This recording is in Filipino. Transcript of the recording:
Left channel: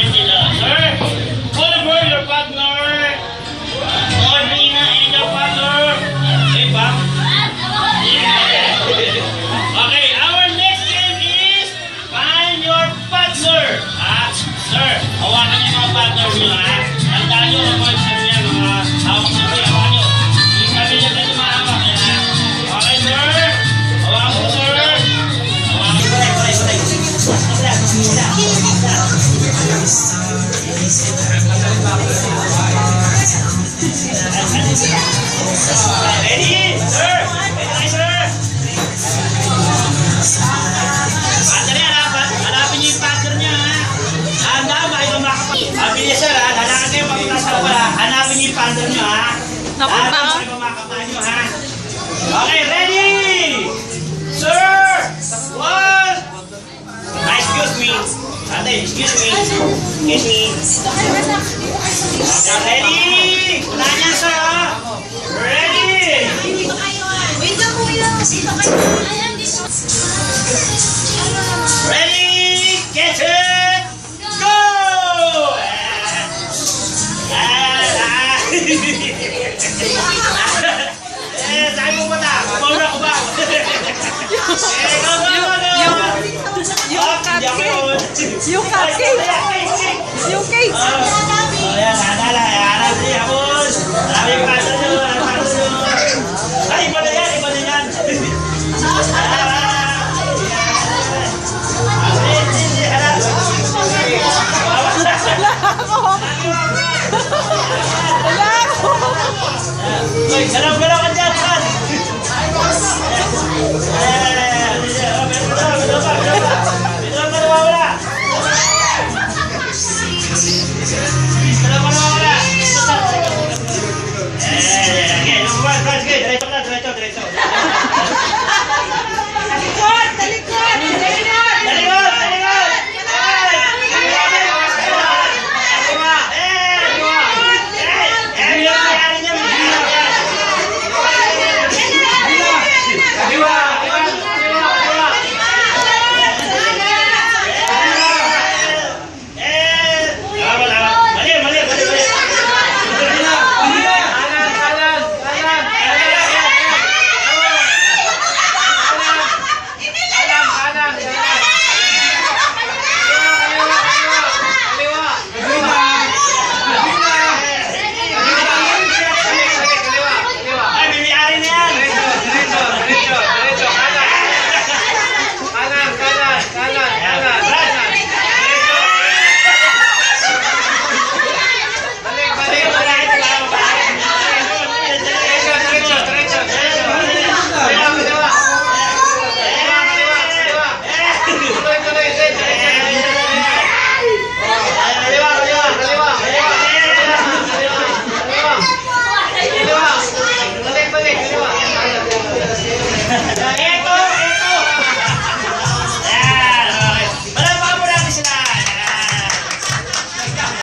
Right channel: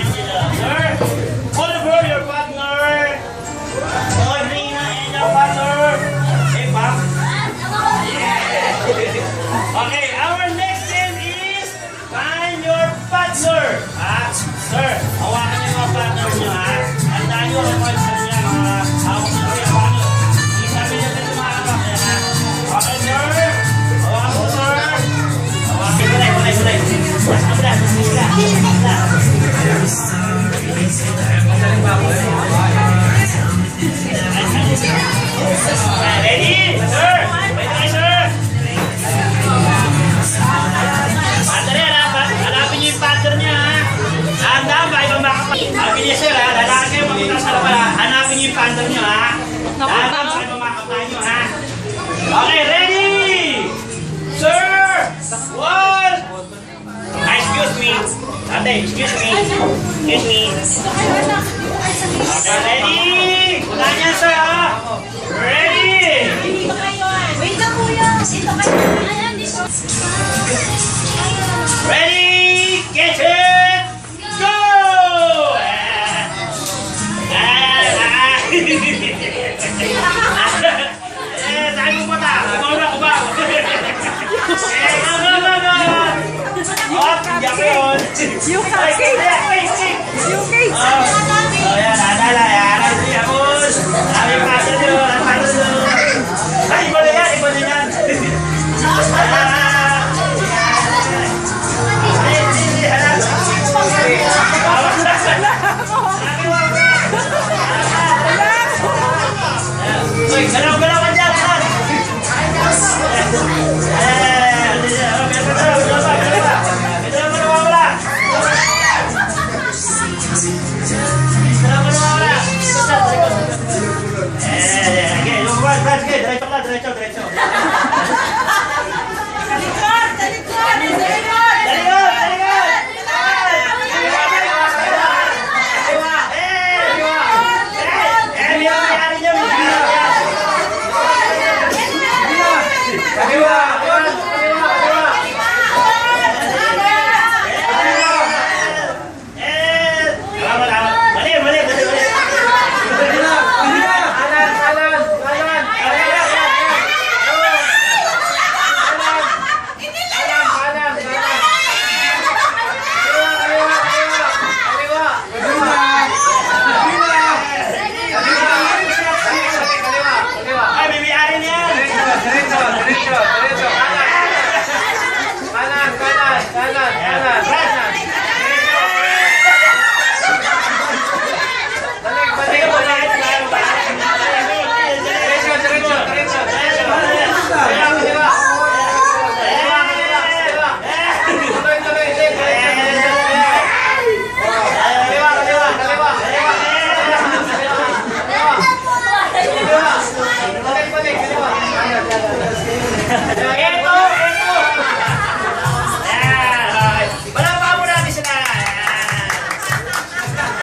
Ayan sila. Sir, Oliver, your partner. Audrina and your partner. Hey, Pop. Okay, our next game is find your partner. Sir, hawakan niyo yung mga partner niyo, ha? Tandaan niyo, mga sabi niya, mga hawak niyo, hawakan niyo. Yung sabi niya kayo mahawak niya, ha? Okay, sir. Hawakan mo, sir. Hawakan mo. Ready? Sir! Ready, sir! Partner yan, ha? Hanapin niyo yung partner niya, ha? Handa ba? Ibang makapag... Bilis, sir, ha? Lalakad kayo papunta sa labas, ha? Hanapin niyo yung partner niyo, ha? Handa ba? Ibang makapag niyo, ha? Okay, ready? Sir! One! Excuse me. Ate, excuse me. Excuse me. Okay, ready? Ulan yan, sir, ha? Ready? Wait lang kuya. Dito kayo. Ayan, dito. Ready? Get it! Go! Saan mo punta? Ubaw na, ubaw. Yung cupcake! Yung cake! Ayan, nadala. Ayan, yapos. Sabi yung pato nyo. Ang pato nyo. Ay, iba na yan. Iba na yan. Uy, galaw-galaw ka dyan, San! Diretso, diretso. Talikod! Talikod! Talikod! Talikod! Ito!